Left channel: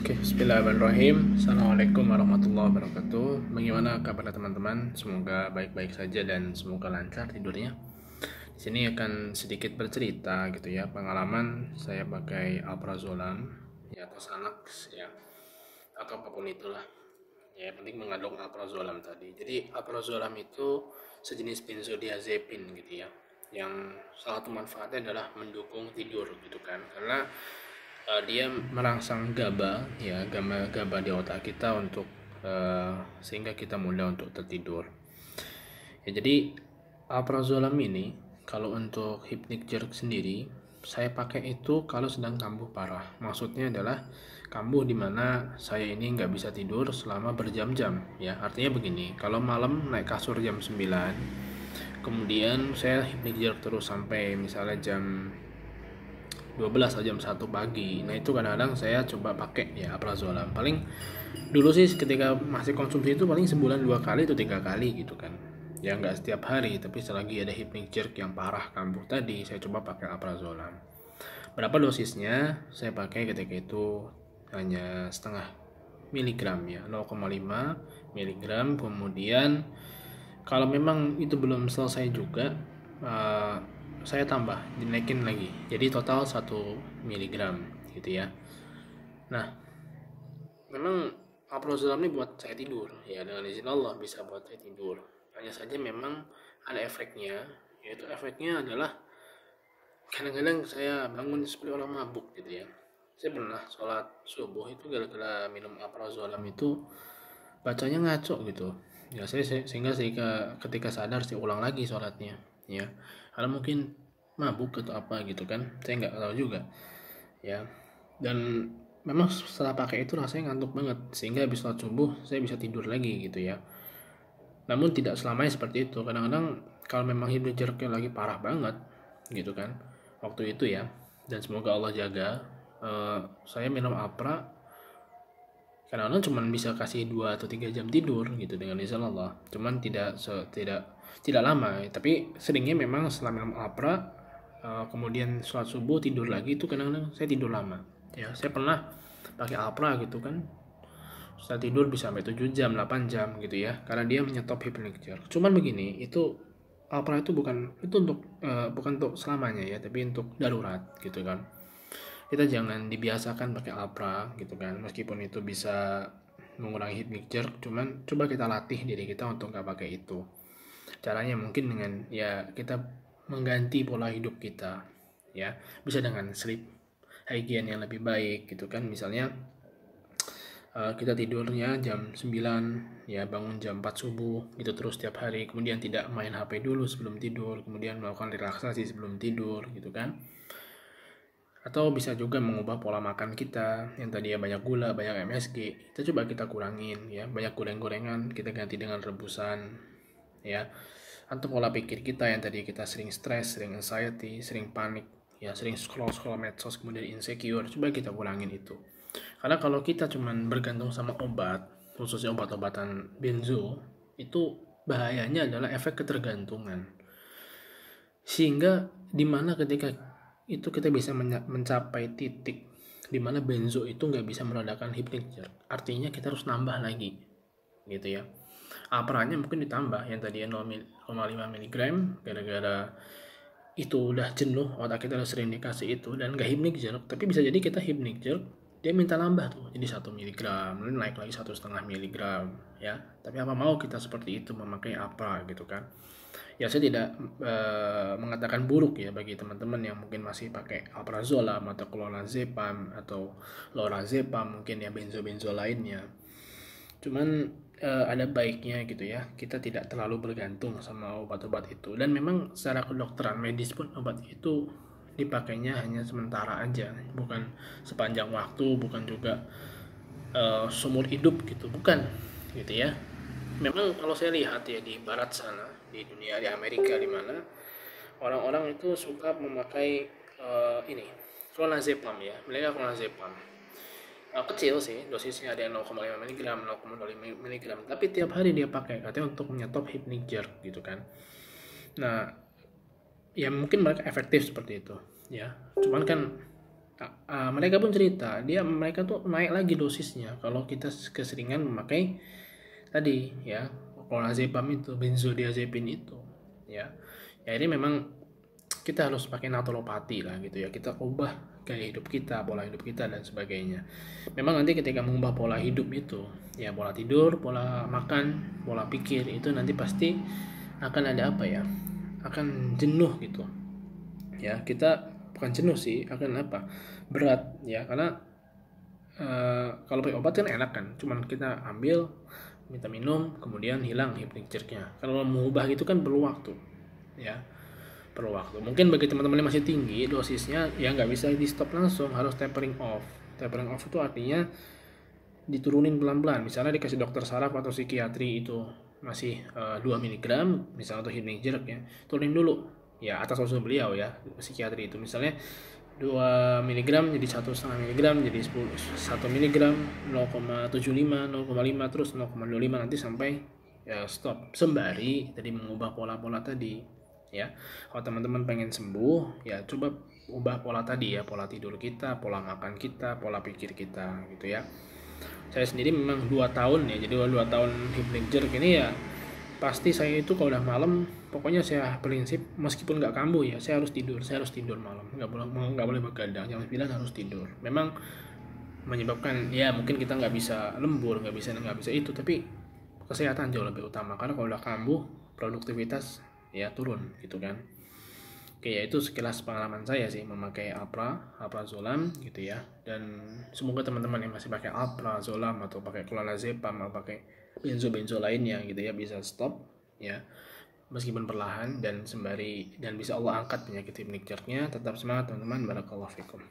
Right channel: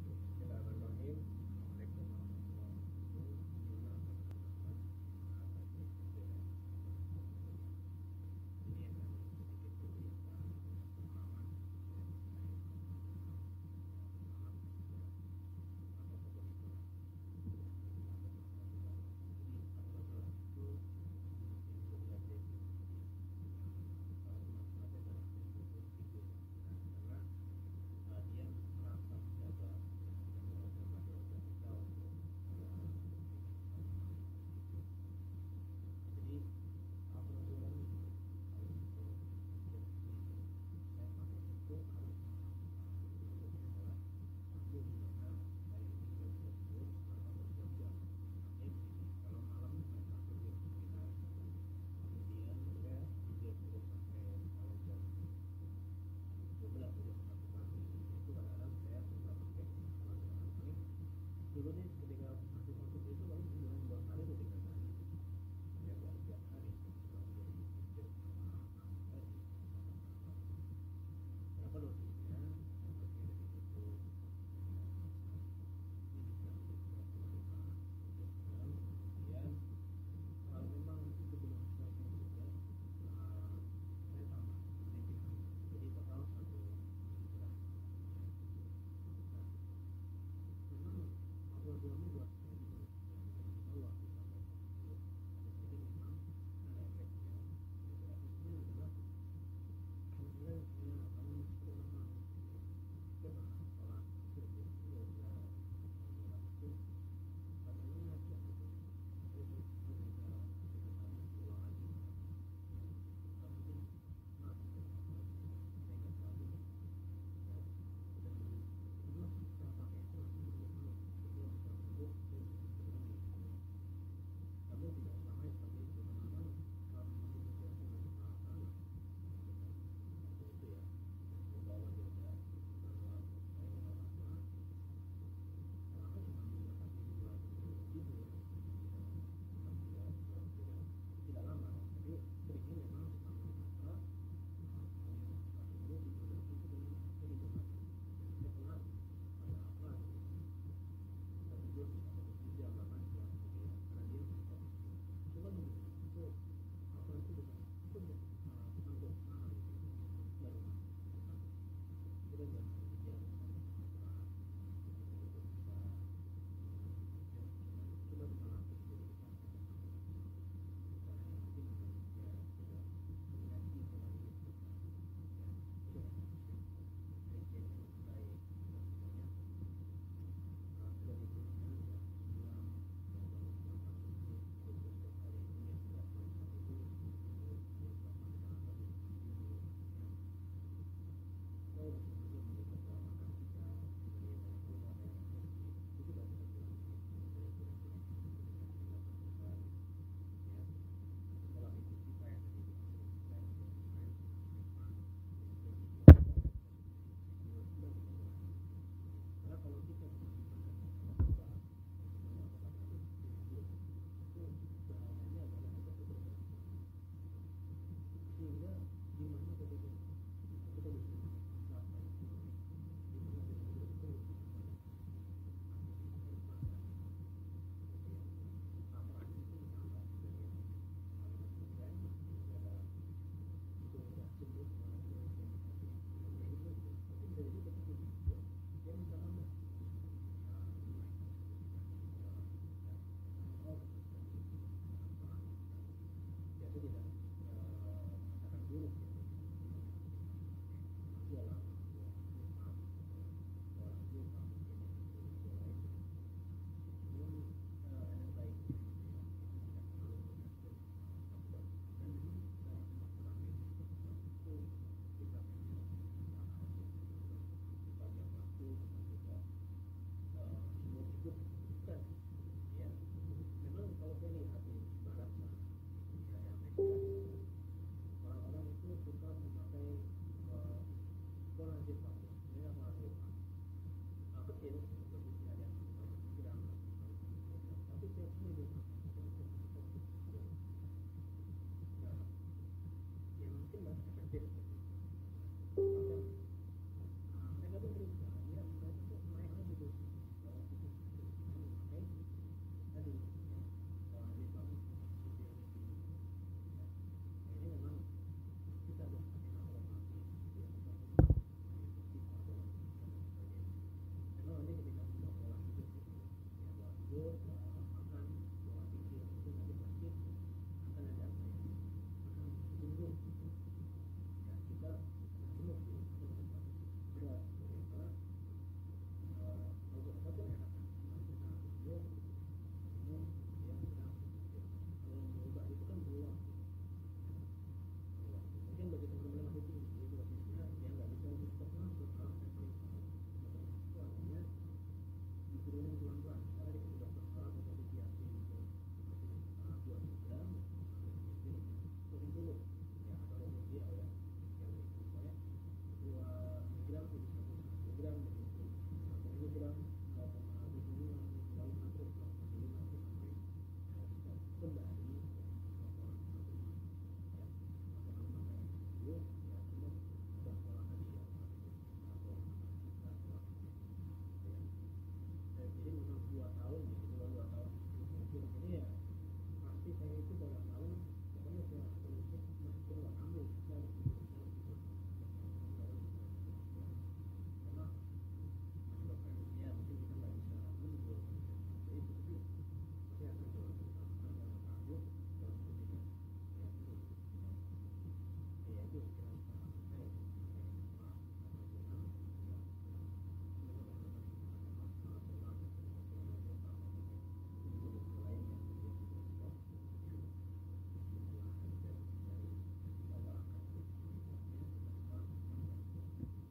Oke, bismillahirrahmanirrahim. Assalamualaikum warahmatullahi wabarakatuh. Bagaimana kabar teman-teman? Semoga baik-baik saja dan semoga lancar tidurnya. Di sini akan sedikit bercerita gitu ya, pengalaman saya pakai alprazolam ya atau Xanax ya atau apapun itulah. Ya, yang penting mengandung alprazolam tadi. Jadi alprazolam itu sejenis benzodiazepin gitu ya. Yang salah satu manfaatnya adalah mendukung tidur gitu kan. Karena dia merangsang GABA ya GABA di otak kita untuk sehingga kita mudah untuk tertidur ya. Jadi alprazolam ini kalau untuk hypnic jerk sendiri saya pakai itu kalau sedang kambuh parah. Maksudnya adalah kambuh dimana saya ini nggak bisa tidur selama berjam-jam ya. Artinya begini, kalau malam naik kasur jam 9, kemudian saya hypnic jerk terus sampai misalnya jam 12 atau jam 1 pagi. Nah itu kadang-kadang saya coba pakai ya alprazolam. Paling dulu sih ketika masih konsumsi itu paling sebulan 2 kali atau 3 kali gitu kan. Ya nggak setiap hari, tapi selagi ada hypnic jerk yang parah kambuh tadi, saya coba pakai alprazolam. Berapa dosisnya? Saya pakai ketika itu hanya setengah miligram ya, 0,5 miligram. Kemudian kalau memang itu belum selesai juga, eh, saya tambah, dinaikin lagi. Jadi total 1 miligram gitu ya. Nah, memang alprazolam ini buat saya tidur ya, dengan izin Allah bisa buat saya tidur. Hanya saja memang ada efeknya, yaitu efeknya adalah kadang-kadang saya bangun seperti orang mabuk gitu ya. Saya pernah sholat subuh itu gara-gara minum alprazolam itu bacanya ngaco gitu ya. Sehingga ketika sadar saya ulang lagi sholatnya ya, karena mungkin mabuk atau apa gitu kan, saya nggak tahu juga ya. Dan memang setelah pakai itu rasanya ngantuk banget, sehingga habis sholat subuh saya bisa tidur lagi gitu ya. Namun tidak selamanya seperti itu. Kadang-kadang kalau memang hidup jeruknya lagi parah banget gitu kan waktu itu ya, dan semoga Allah jaga, saya minum Apra kadang-kadang cuman bisa kasih 2 atau 3 jam tidur gitu dengan izin Allah. Cuman tidak lama, tapi seringnya memang setelah minum Apra, kemudian sholat subuh tidur lagi, itu kadang-kadang saya tidur lama ya. Saya pernah pakai Apra gitu kan, saya tidur bisa sampai 7 jam 8 jam gitu ya, karena dia menyetop hypnic jerk. Cuman begini, itu Apra itu bukan untuk selamanya ya, tapi untuk darurat gitu kan. Kita jangan dibiasakan pakai Apra gitu kan, meskipun itu bisa mengurangi hypnic jerk, cuman coba kita latih diri kita untuk nggak pakai itu. Caranya mungkin dengan ya kita mengganti pola hidup kita ya, bisa dengan sleep hygiene yang lebih baik gitu kan. Misalnya kita tidurnya jam 9 ya, bangun jam 4 subuh itu terus setiap hari, kemudian tidak main HP dulu sebelum tidur, kemudian melakukan relaksasi sebelum tidur gitu kan. Atau bisa juga mengubah pola makan kita yang tadinya banyak gula, banyak MSG, kita coba kita kurangin ya, banyak goreng-gorengan kita ganti dengan rebusan ya. Atau pola pikir kita yang tadi kita sering stres, sering anxiety, sering panik ya, sering scroll medsos kemudian insecure, coba kita kurangin itu. Karena kalau kita cuman bergantung sama obat, khususnya obat-obatan benzo, itu bahayanya adalah efek ketergantungan. Sehingga dimana ketika itu kita bisa mencapai titik dimana benzo itu nggak bisa meredakan hypnic jerk, artinya kita harus nambah lagi gitu ya. Apranya mungkin ditambah yang tadinya 0,5 mg, gara-gara itu udah jenuh, otak kita udah sering dikasih itu dan nggak hypnic jerk. Tapi bisa jadi kita hypnic jerk, dia minta nambah tuh jadi 1 mg, lalu naik lagi 1,5 mg ya. Tapi apa mau kita seperti itu memakai apa gitu kan. Ya saya tidak mengatakan buruk ya bagi teman-teman yang mungkin masih pakai alprazolam atau clonazepam atau lorazepam, mungkin ya benzo-benzo lainnya. Cuman ada baiknya gitu ya, kita tidak terlalu bergantung sama obat-obat itu. Dan memang secara kedokteran medis pun obat itu dipakainya hanya sementara aja, bukan sepanjang waktu, bukan juga seumur hidup gitu, bukan gitu ya. Memang kalau saya lihat ya di barat sana, di dunia, di Amerika, di mana orang-orang itu suka memakai ini clonazepam ya, mereka clonazepam kecil sih dosisnya, ada yang 0,5 mg, 0,05 mg, tapi tiap hari dia pakai katanya untuk menyetop hypnic jerk gitu kan. Nah ya mungkin mereka efektif seperti itu ya, cuman kan Mereka pun cerita mereka tuh naik lagi dosisnya kalau kita keseringan memakai tadi ya clonazepam itu, benzodiazepin itu ya. Ya ini memang kita harus pakai natolopati lah gitu ya, kita ubah gaya hidup kita, pola hidup kita dan sebagainya. Memang nanti ketika mengubah pola hidup itu ya, pola tidur, pola makan, pola pikir itu nanti pasti akan ada apa ya, akan jenuh gitu ya. Kita bukan jenuh sih, akan apa, berat ya, karena kalau pakai obat kan enak kan, cuman kita ambil, minta minum, kemudian hilang hypnic jerknya. Kalau mengubah gitu kan perlu waktu ya, perlu waktu. Mungkin bagi teman-teman yang masih tinggi dosisnya ya nggak bisa di stop langsung, harus tapering off. Tapering off itu artinya diturunin pelan-pelan. Misalnya dikasih dokter saraf atau psikiatri itu masih 2 mg misalnya untuk hypnic jerk ya, turunin dulu ya, atas usul beliau ya, psikiatri itu. Misalnya 2 mg jadi 1,5 mg, jadi 1 mg 0,75, 0,5, terus 0,25, nanti sampai ya stop, sembari tadi mengubah pola-pola tadi ya. Kalau teman-teman pengen sembuh ya coba ubah pola tadi ya, pola tidur kita, pola makan kita, pola pikir kita gitu ya. Saya sendiri memang 2 tahun ya, jadi 2 tahun hypnic jerk ini ya, pasti saya itu kalau udah malam pokoknya saya prinsip meskipun nggak kambuh ya, saya harus tidur malam, nggak boleh begadang, jam 9 harus tidur. Memang menyebabkan ya mungkin kita nggak bisa lembur, nggak bisa itu, tapi kesehatan jauh lebih utama, karena kalau udah kambuh produktivitas ya turun gitu kan. Oke ya, itu sekilas pengalaman saya sih memakai alprazolam gitu ya. Dan semoga teman-teman yang masih pakai alprazolam atau pakai clonazepam atau pakai benzo lainnya gitu ya bisa stop ya, meskipun perlahan dan sembari, dan bisa Allah angkat penyakit hypnic jerknya. Tetap semangat teman-teman, barakallahu fikum.